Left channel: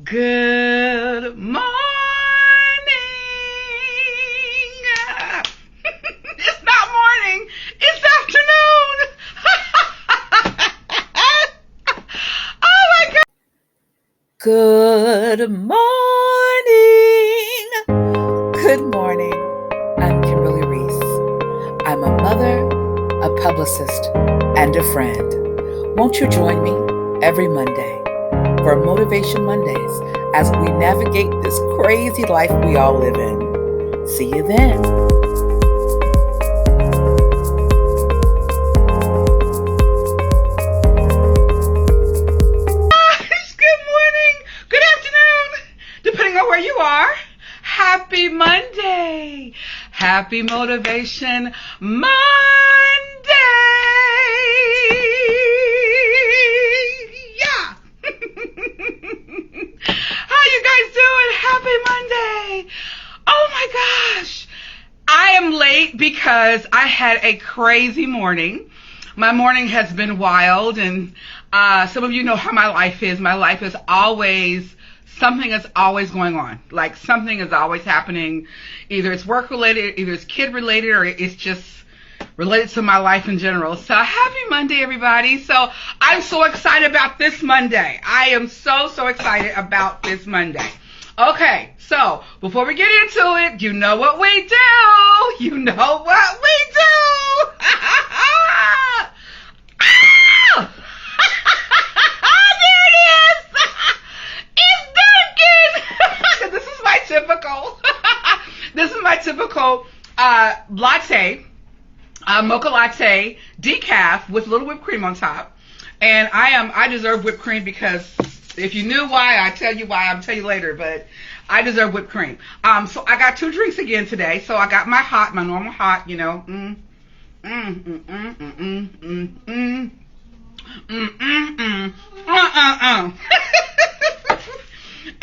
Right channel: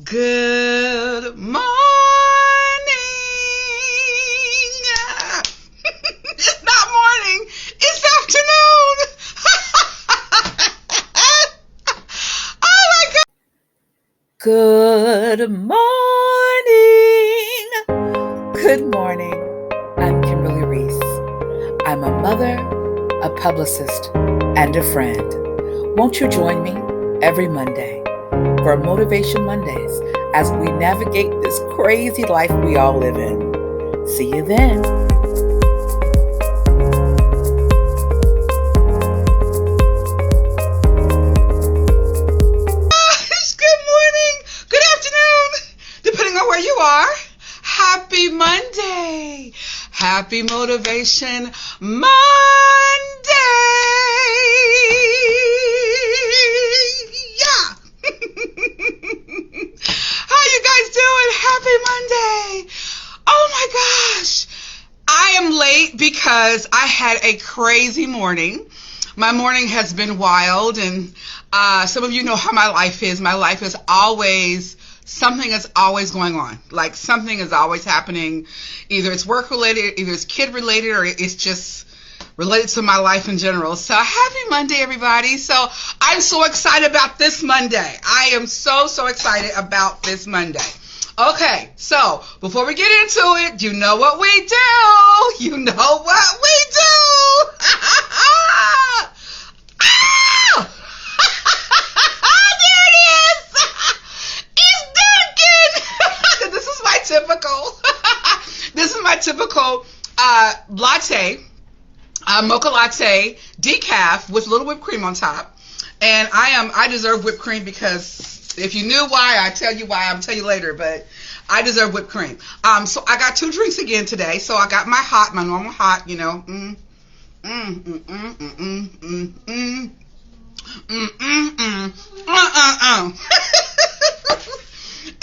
Good morning. It's not morning. It's afternoon. Oh my God. Good morning. Good morning. I'm Kimberly Reese. I'm a mother, a publicist, and a friend. Won't you join me every Monday for Motivation Mondays as we navigate this crazy life we all live in? See you then. Good morning. Good afternoon. Depending on where you are. Happy Monday. Happy Motivation Monday. Yeah. How you guys doing? Happy Monday. Oh my gosh. I am late because I had a crazy morning. My morning has been wild, and some of you know how my life is. My life is always, something is always going on. Like something is always happening. Either it's work related, either it's kid related, or it's just related to my life in general. So happy Monday, everybody. So I'm so excited about this Monday. I am so excited about this Monday. Okay, so before we get into it, you know what we do. You know what we do. Ah! There it is. It's Dunkin'. This is my typical. This is my typical latte, mocha latte, decaf with a little whipped cream on top. And I deserve whipped cream because if you knew why, I tell you why. I'll tell you later, but I deserve whipped cream. So I got two drinks again today. So I got my normal hot, you know.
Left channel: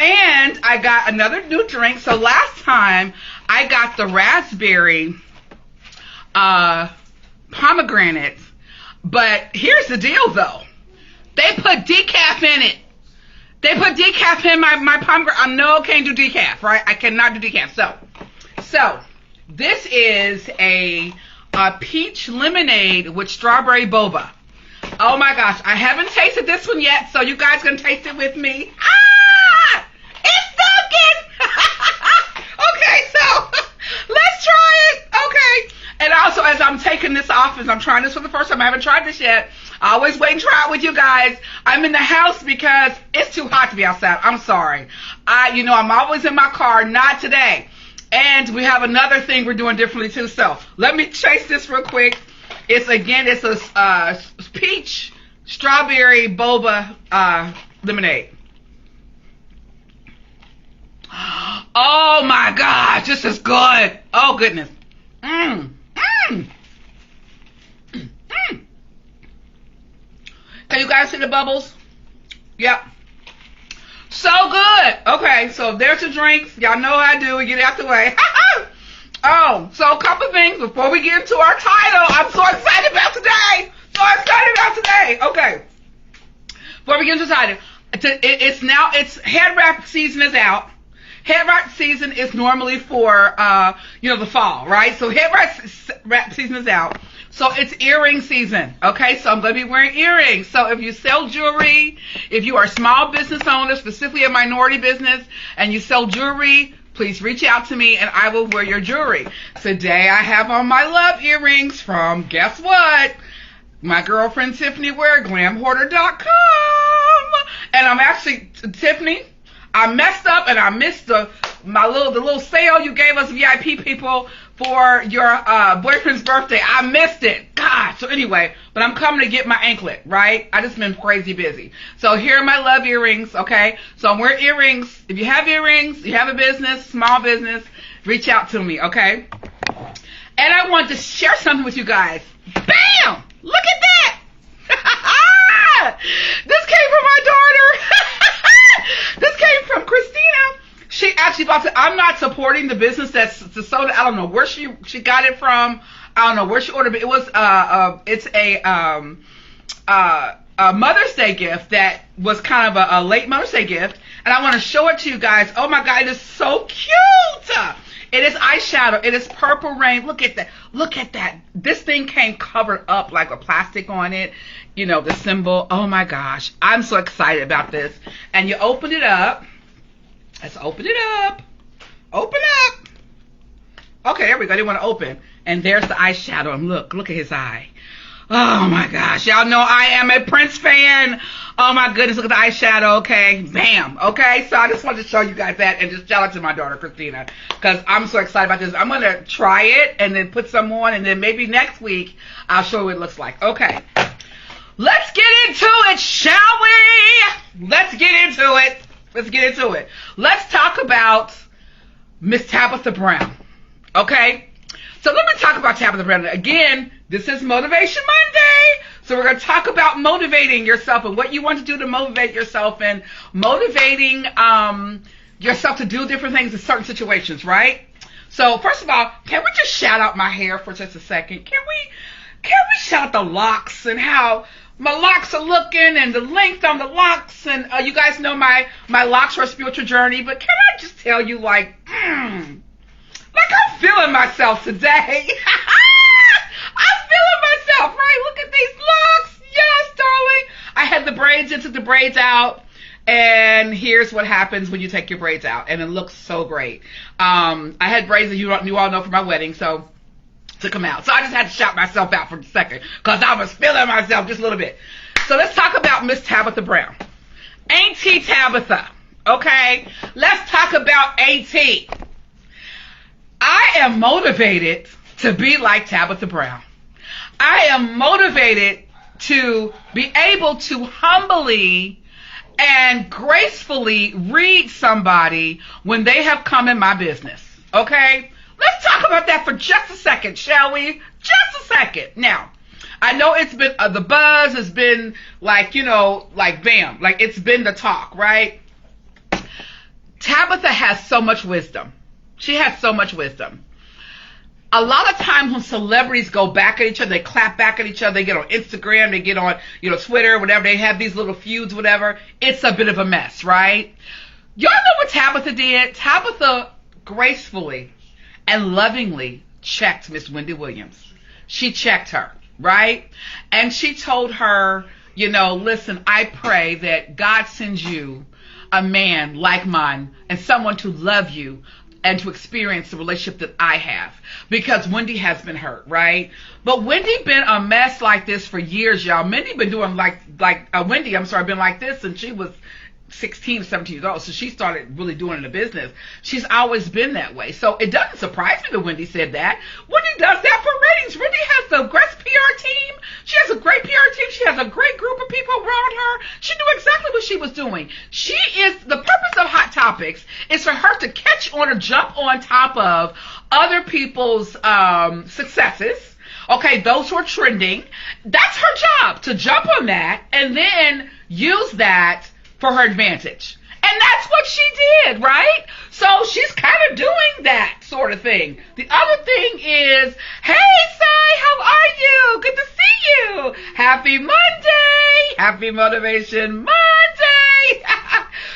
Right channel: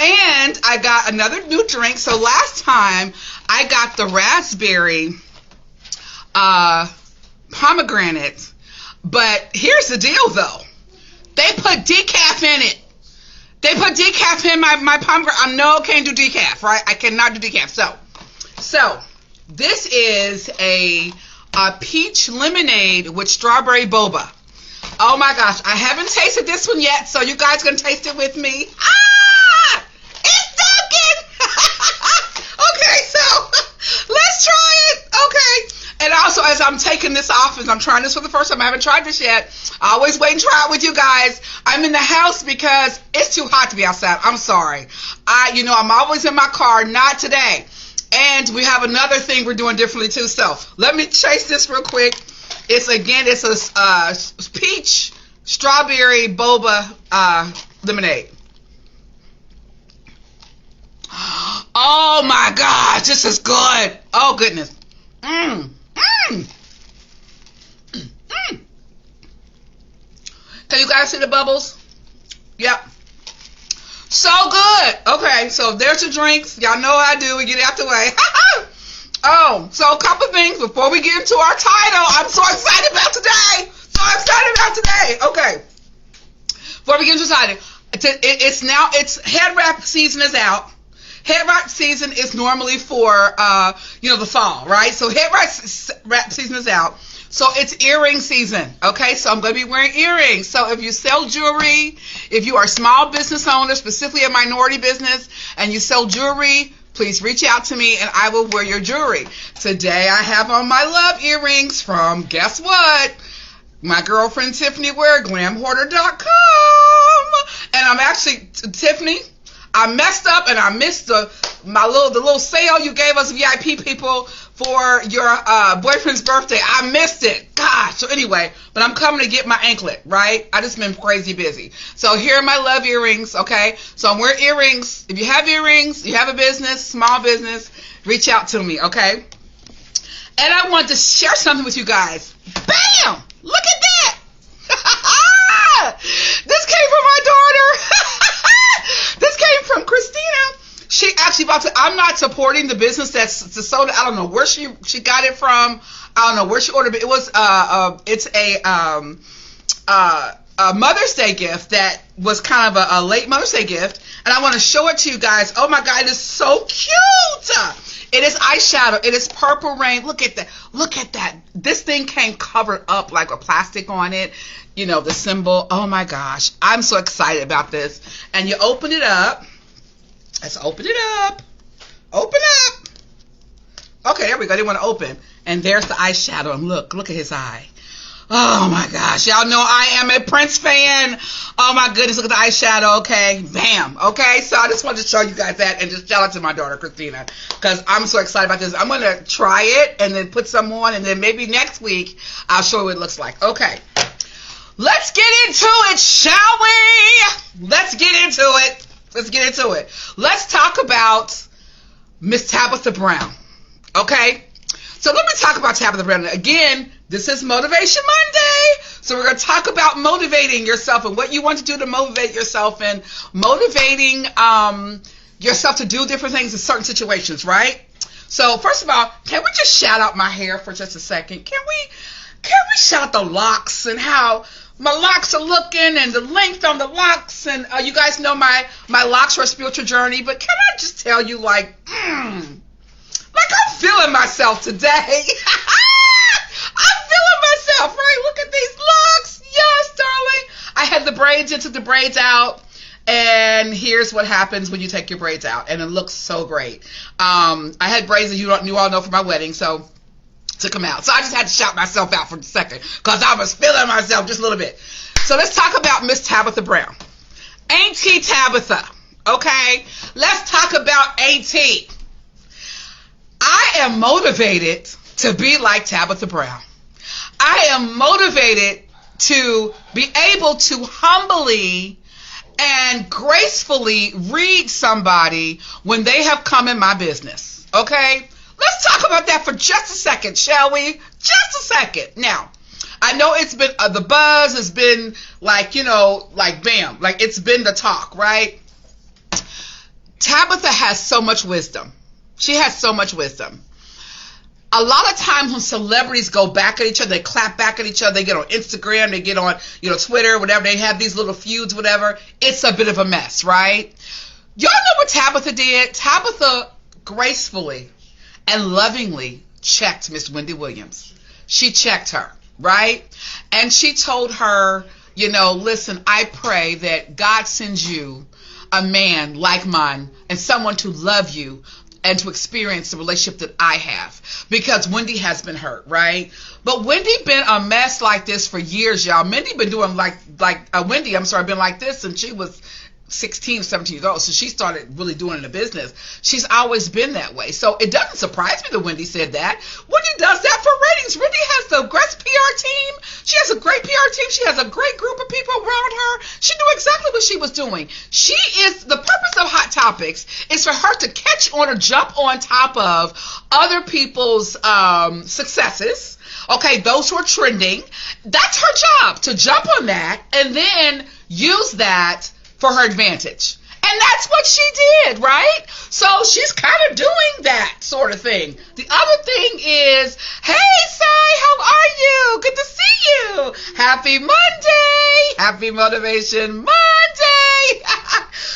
And I got another new drink. So last time I got the raspberry pomegranate. But here's the deal though. They put decaf in it. They put decaf in my pomegranate. I know I can't do decaf, right? I cannot do decaf. So this is a peach lemonade with strawberry boba. Oh my gosh, I haven't tasted this one yet, so you guys gonna taste it with me. Ah! It's Dunkin'! Okay, so let's try it. Okay. And also, as I'm taking this off, as I'm trying this for the first time, I haven't tried this yet. I always wait and try it with you guys. I'm in the house because it's too hot to be outside. I'm sorry. I'm always in my car. Not today. And we have another thing we're doing differently too. So let me taste this real quick. It's a peach strawberry boba lemonade. Oh my gosh, this is good. Oh goodness. Can you guys see the bubbles? Yep. So good. Okay, so there's the drinks. Y'all know how I do. We get it out the way. Oh, so a couple things before we get into our title. I'm so excited about today. Okay. Before we get into the title, it's head wrap season is out. Head wrap season is normally for the fall, right? So head wrap season is out. So it's earring season, okay? So I'm going to be wearing earrings. So if you sell jewelry, if you are a small business owner, specifically a minority business, and you sell jewelry, please reach out to me and I will wear your jewelry. Today I have on my love earrings from, guess what? My girlfriend Tiffany wear, glamhoarder.com. And I'm actually, Tiffany, I messed up and I missed the little sale you gave us VIP people for your boyfriend's birthday. I missed it. Gosh. So anyway, but I'm coming to get my anklet, right? I just been crazy busy. So here are my love earrings, okay? So I'm wearing earrings. If you have earrings, you have a business, small business, reach out to me, okay? And I want to share something with you guys. Bam! Look at that! This came from my daughter. This came from Christina. She actually bought it. I'm not supporting the business that's the soda. I don't know where she got it from. I don't know where she ordered it. It was it's a a Mother's Day gift that was kind of a late Mother's Day gift, and I want to show it to you guys. Oh my God, it is so cute. It is eyeshadow. It is Purple Rain. Look at that. Look at that. This thing came covered up like with plastic on it. You know, the symbol. Oh my gosh. I'm so excited about this. And you open it up. Let's open it up. Open up. Okay, there we go. They want to open. And there's the eyeshadow. And look at his eye. Oh my gosh. Y'all know I am a Prince fan. Oh my goodness. Look at the eyeshadow. Okay. Bam. Okay. So I just wanted to show you guys that and just shout out to my daughter, Christina, because I'm so excited about this. I'm going to try it and then put some on, and then maybe next week I'll show you what it looks like. Okay. Let's get into it, shall we? Let's get into it. Let's get into it. Let's talk about Miss Tabitha Brown. Okay. So let me talk about Tabitha Brown. Again, this is Motivation Monday. So we're going to talk about motivating yourself and what you want to do to motivate yourself and motivating yourself to do different things in certain situations, right? So first of all, can we just shout out my hair for just a second? Can we shout out the locks and how my locks are looking and the length on the locks? And you guys know my locks are a spiritual journey, but can I just tell you, like I'm feeling myself today. I'm feeling myself, right? Look at these locks. Yes, darling. I had the braids in, took the braids out, and here's what happens when you take your braids out, and it looks so great. I had braids that you all know for my wedding, so took them out. So I just had to shout myself out for a second because I was feeling myself just a little bit. So let's talk about Miss Tabitha Brown. Auntie Tabitha, okay? Let's talk about Auntie. I am motivated to be like Tabitha Brown. I am motivated to be able to humbly and gracefully read somebody when they have come in my business. Okay? Let's talk about that for just a second, shall we? Just a second. Now, I know it's been, the buzz has been like, like bam, like it's been the talk, right? Tabitha has so much wisdom. She has so much wisdom. A lot of times when celebrities go back at each other, they clap back at each other, they get on Instagram, they get on, Twitter, whatever, they have these little feuds, whatever. It's a bit of a mess, right? Y'all know what Tabitha did? Tabitha gracefully and lovingly checked Miss Wendy Williams. She checked her, right? And she told her, listen, I pray that God sends you a man like mine and someone to love you and to experience the relationship that I have, because Wendy has been hurt, right? But Wendy been a mess like this for years, y'all. Wendy been doing been like this since she was 16 or 17 years old. So she started really doing the business. She's always been that way. So it doesn't surprise me that Wendy said that. Wendy does that for ratings. Wendy has the best PR team. She has a great PR team. She has a great group of people around her. She knew exactly what she was doing. The purpose of Hot Topics is for her to catch on or jump on top of other people's successes. Okay, those who are trending. That's her job, to jump on that and then use that for her advantage. And that's what she did, right? So she's kind of doing that sort of thing. The other thing is, hey, Sai, how are you? Good to see you. Happy Monday. Happy Motivation Monday.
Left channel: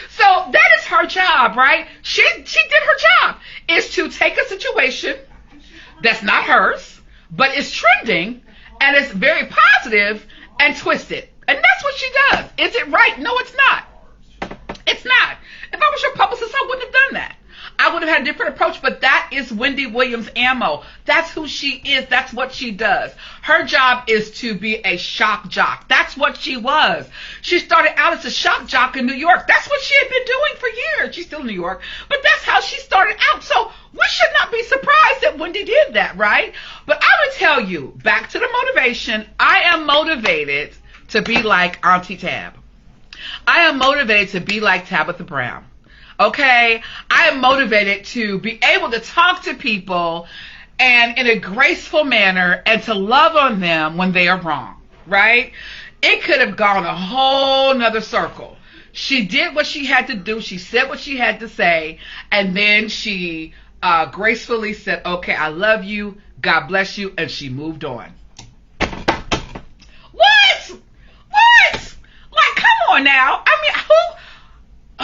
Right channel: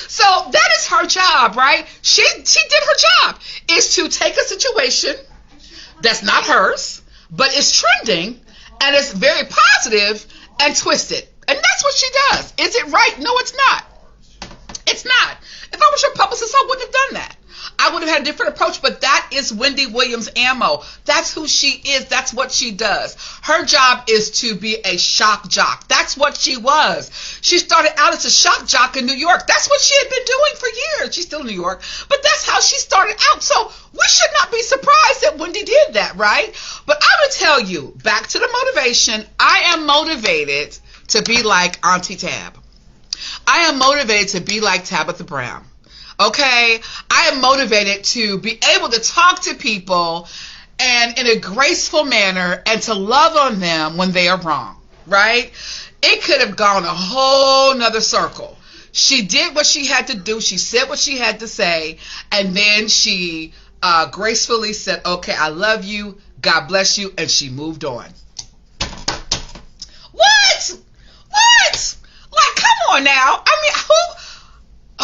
So that is her job, right? She did her job, is to take a situation that's not hers, but it's trending and it's very positive and twist it. And that's what she does. Is it right? No, it's not. It's not. If I was your publicist, I wouldn't have done that. I would have had a different approach, but that is Wendy Williams ammo. That's who she is. That's what she does. Her job is to be a shock jock. That's what she was. She started out as a shock jock in New York. That's what she had been doing for years. She's still in New York, but that's how she started out. So we should not be surprised that Wendy did that, right? But I would tell you, back to the motivation, I am motivated to be like Auntie Tab. I am motivated to be like Tabitha Brown. Okay? I am motivated to be able to talk to people and in a graceful manner and to love on them when they are wrong. Right? It could have gone a whole nother circle. She did what she had to do. She said what she had to say. And then she gracefully said, okay, I love you. God bless you. And she moved on. What? what? Like, come on now. I mean,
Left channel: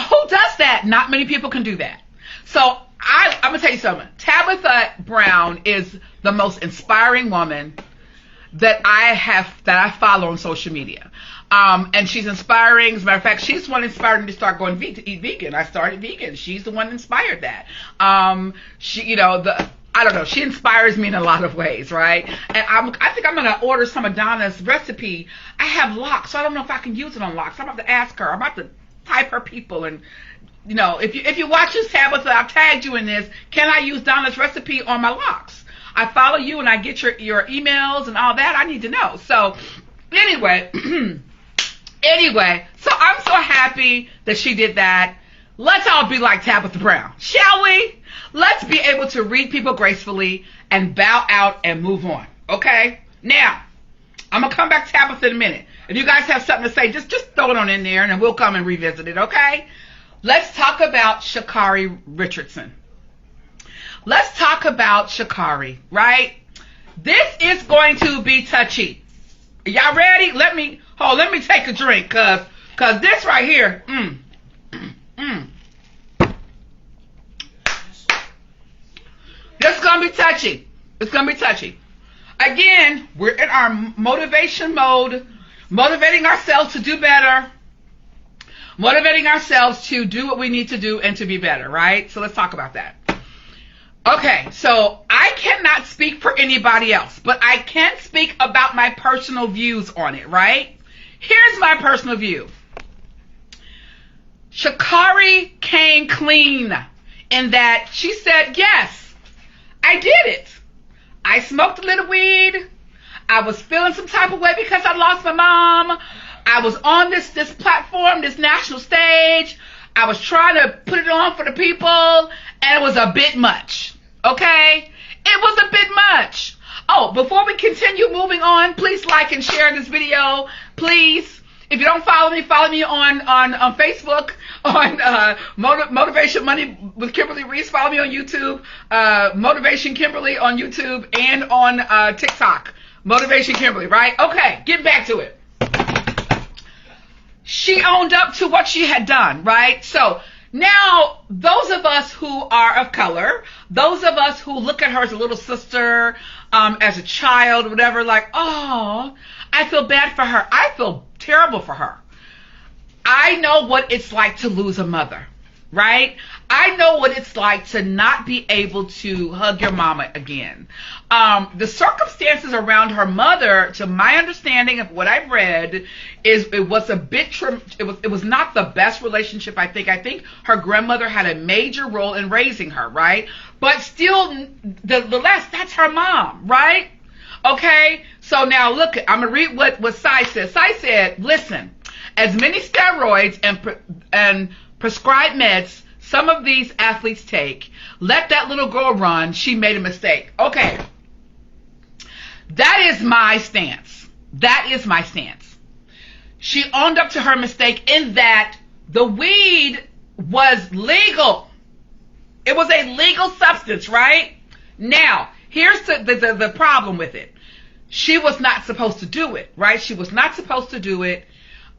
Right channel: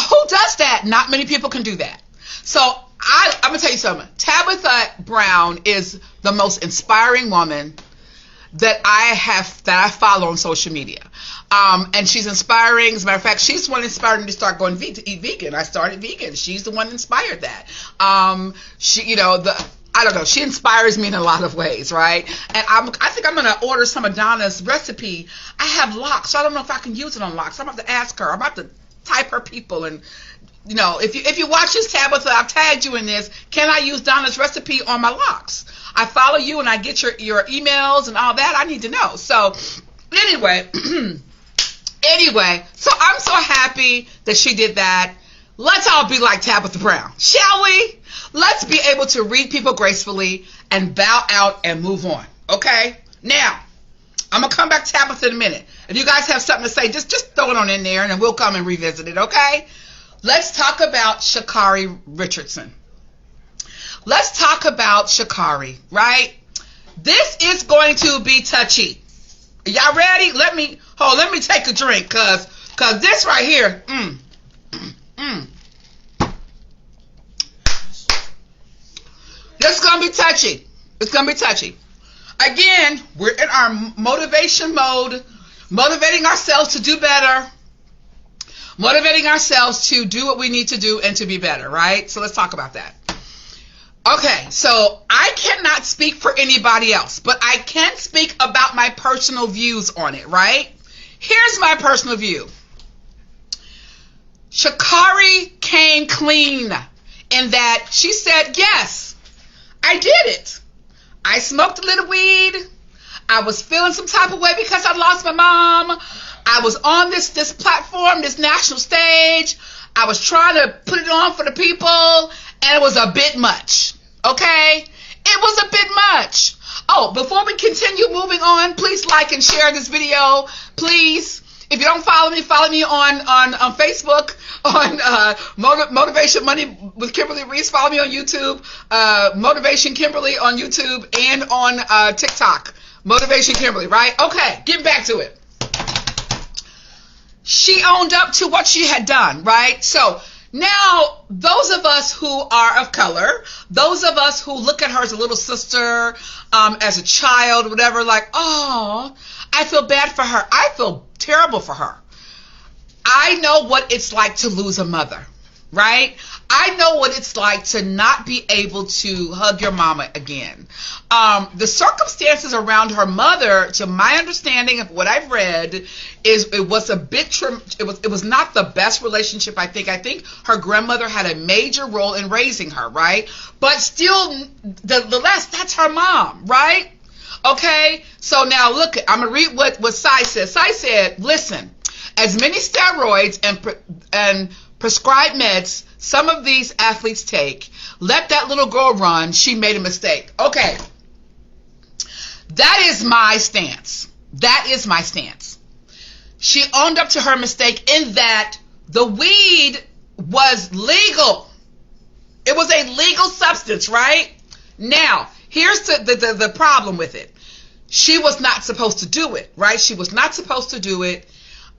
who does that? Not many people can do that. So I'm gonna tell you something. Tabitha Brown is the most inspiring woman that I follow on social media. And she's inspiring. As a matter of fact, she's the one inspired me to start going to eat vegan. I started vegan. She's the one that inspired that. I don't know. She inspires me in a lot of ways, right? And I think I'm going to order some of Donna's recipe. I have lox, so I don't know if I can use it on lox. I'm about to ask her. I'm about to type her people. And, if you watch this, Tabitha, I've tagged you in this. Can I use Donna's recipe on my lox? I follow you and I get your emails and all that. I need to know. So, anyway, so I'm so happy that she did that. Let's all be like Tabitha Brown, shall we? Let's be able to read people gracefully and bow out and move on, okay? Now, I'm going to come back to Tabitha in a minute. If you guys have something to say, just throw it on in there and then we'll come and revisit it, okay? Let's talk about Shikari Richardson. Let's talk about Shikari, right? This is going to be touchy. Y'all ready? Let me take a drink, cause this right here, this is gonna be touchy. It's gonna be touchy. Again, we're in our motivation mode, motivating ourselves to do better, motivating ourselves to do what we need to do and to be better, right? So let's talk about that. Okay, so I cannot speak for anybody else, but I can speak about my personal views on it, right? Here's my personal view. Shikari came clean in that she said, yes, I did it. I smoked a little weed. I was feeling some type of way because I lost my mom. I was on this platform, this national stage. I was trying to put it on for the people, and it was a bit much. Okay? It was a bit much. Oh, before we continue moving on, please like and share this video. Please. If you don't follow me on Facebook, on Motivation Money with Kimberly Reese. Follow me on YouTube, Motivation Kimberly on YouTube, and on TikTok, Motivation Kimberly, right? Okay, getting back to it. She owned up to what she had done, right? So now, those of us who are of color, those of us who look at her as a little sister, as a child, whatever, like, oh, I feel bad for her. I feel terrible for her. I know what it's like to lose a mother, right? I know what it's like to not be able to hug your mama again. The circumstances around her mother, to my understanding of what I've read, it was a bit it was not the best relationship. I think her grandmother had a major role in raising her, right? But still, the less, that's her mom, right? Okay, so now look, I'm gonna read what Sai said. Sai said, listen, as many steroids and prescribed meds some of these athletes take, let that little girl run. She made a mistake. Okay, that is my stance. That is my stance. She owned up to her mistake in that the weed was legal. It was a legal substance, right? Now, here's the problem with it. She was not supposed to do it, right? She was not supposed to do it.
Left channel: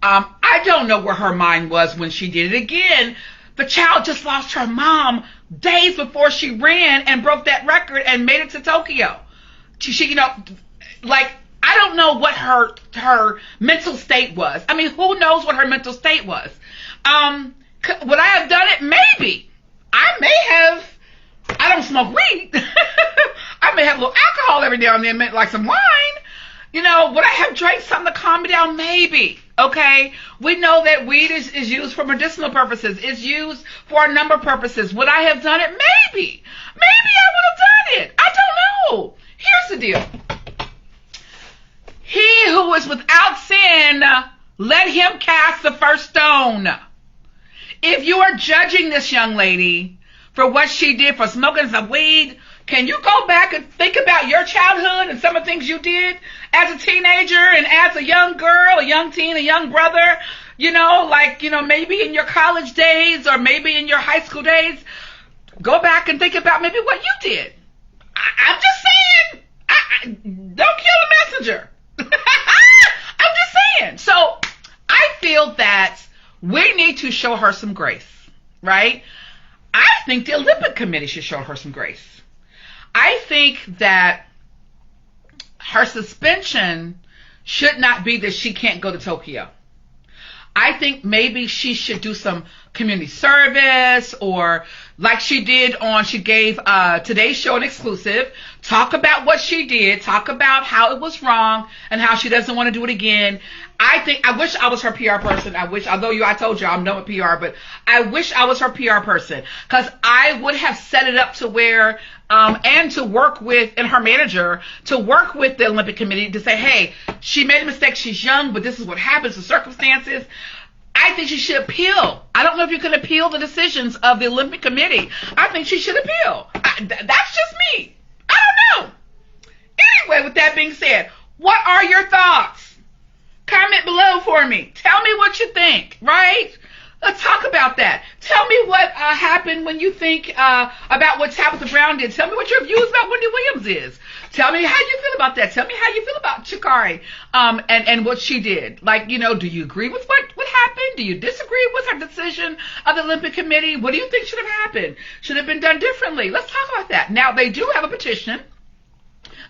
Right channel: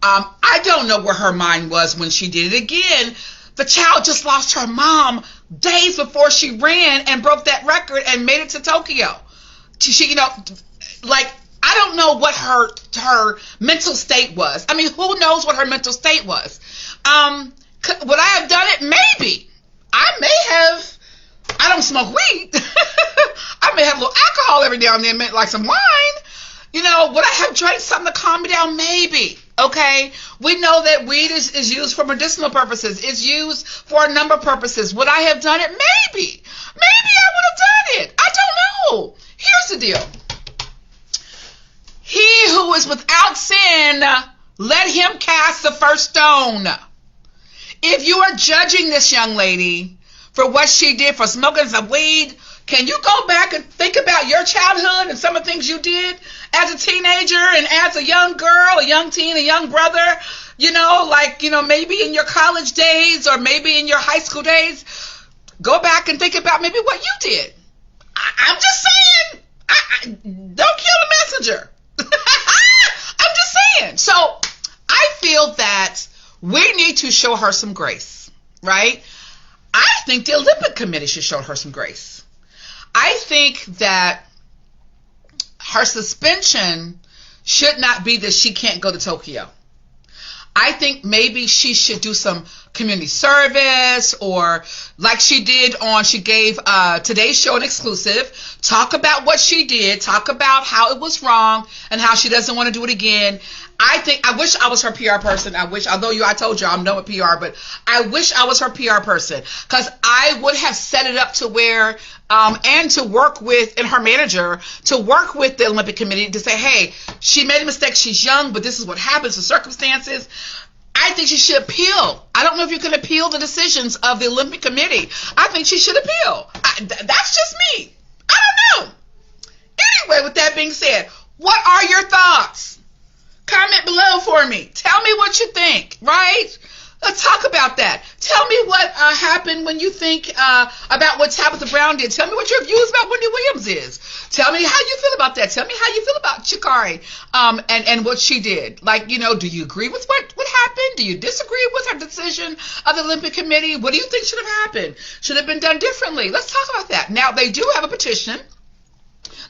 I don't know where her mind was when she did it. Again, the child just lost her mom days before she ran and broke that record and made it to Tokyo. She I don't know what her mental state was. I mean, who knows what her mental state was? Would I have done it? Maybe. I don't smoke weed. I may have a little alcohol every now and then, like some wine. Would I have drank something to calm me down? Maybe. Okay? We know that weed is used for medicinal purposes. It's used for a number of purposes. Would I have done it? Maybe. Maybe I would have done it. I don't know. Here's the deal. He who is without sin, let him cast the first stone. If you are judging this young lady for what she did for smoking some weed, can you go back and think about your childhood and some of the things you did as a teenager and as a young girl, a young teen, a young brother, maybe in your college days or maybe in your high school days? Go back and think about maybe what you did. I'm just saying, don't kill the messenger. I'm just saying. So I feel that we need to show her some grace, right? I think the Olympic Committee should show her some grace. I think that her suspension should not be that she can't go to Tokyo. I think maybe she should do some community service, or like she did she gave Today's Show an exclusive, talk about what she did, talk about how it was wrong and how she doesn't want to do it again. I wish I was her PR person. I told you I'm done with PR, but I wish I was her PR person, because I would have set it up to where, and to work with, and her manager, to work with the Olympic Committee to say, hey, she made a mistake. She's young, but this is what happens, the circumstances. I think she should appeal. I don't know if you can appeal the decisions of the Olympic Committee. I think she should appeal. That's just me. I don't know. Anyway, with that being said, what are your thoughts? Comment below for me. Tell me what you think, right? Let's talk about that. Tell me what happened when you think about what Tabitha Brown did. Tell me what your views about Wendy Williams is. Tell me how you feel about that. Tell me how you feel about Shikari and what she did. Like, do you agree with what happened? Do you disagree with her decision of the Olympic Committee? What do you think should have happened? Should have been done differently? Let's talk about that. Now, they do have a petition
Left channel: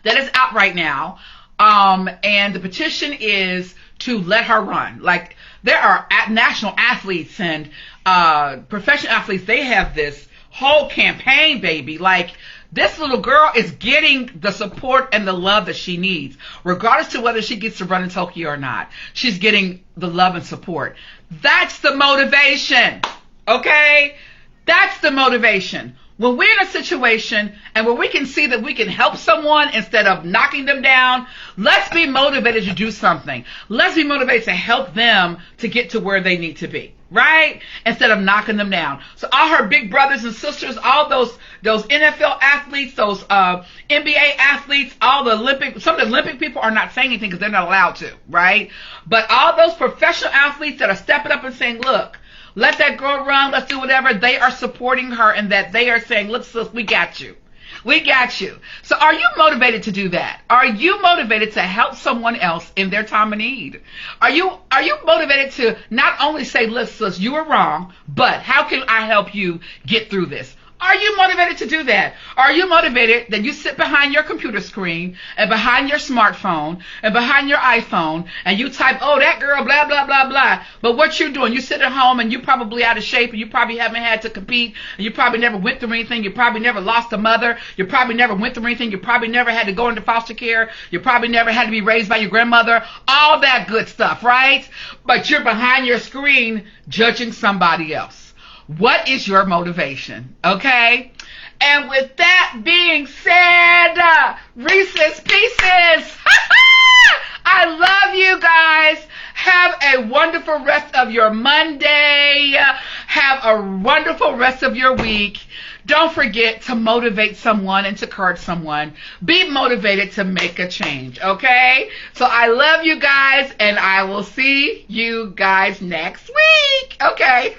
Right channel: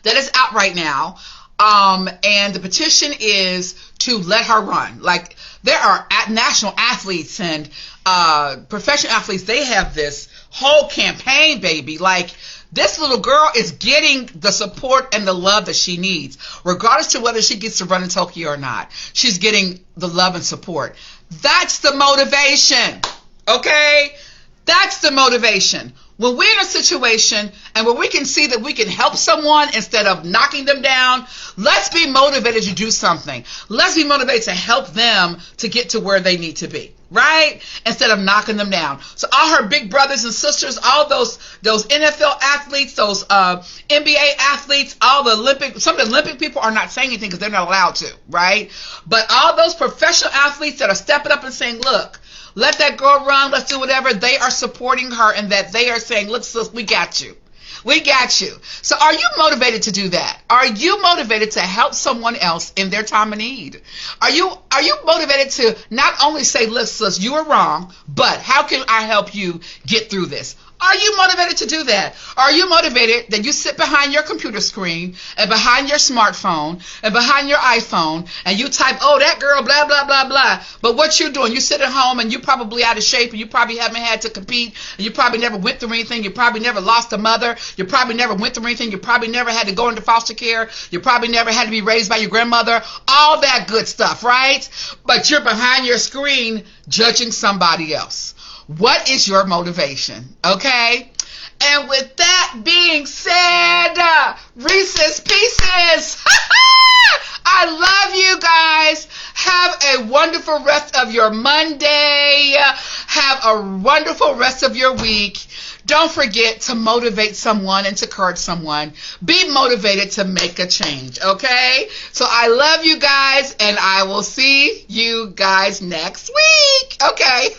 that is out right now. And the petition is to let her run. Like, there are national athletes and professional athletes. They have this whole campaign, baby. Like, this little girl is getting the support and the love that she needs, regardless to whether she gets to run in Tokyo or not. She's getting the love and support. That's the motivation. Okay? That's the motivation. When we're in a situation and where we can see that we can help someone instead of knocking them down, let's be motivated to do something. Let's be motivated to help them to get to where they need to be, right? Instead of knocking them down. So all her big brothers and sisters, all those NFL athletes, those NBA athletes, all the some of the Olympic people are not saying anything because they're not allowed to, right? But all those professional athletes that are stepping up and saying, look, let that girl run, let's do whatever, they are supporting her, and that they are saying, look, sis, we got you. We got you. So are you motivated to do that? Are you motivated to help someone else in their time of need? Are you motivated to not only say, look, sis, you were wrong, but how can I help you get through this? Are you motivated to do that? Are you motivated that you sit behind your computer screen and behind your smartphone and behind your iPhone and you type, oh, that girl, blah, blah, blah, blah. But what you're doing, you sit at home and you're probably out of shape and you probably haven't had to compete and you probably never went through anything. You probably never lost a mother. You probably never went through anything. You probably never had to go into foster care. You probably never had to be raised by your grandmother. All that good stuff, right? But you're behind your screen judging somebody else. What is your motivation? Okay? And with that being said, Reese's Pieces. I love you guys. Have a wonderful rest of your Monday. Have a wonderful rest of your week. Don't forget to motivate someone and to encourage someone. Be motivated to make a change, okay? So I love you guys, and I will see you guys next week. Okay.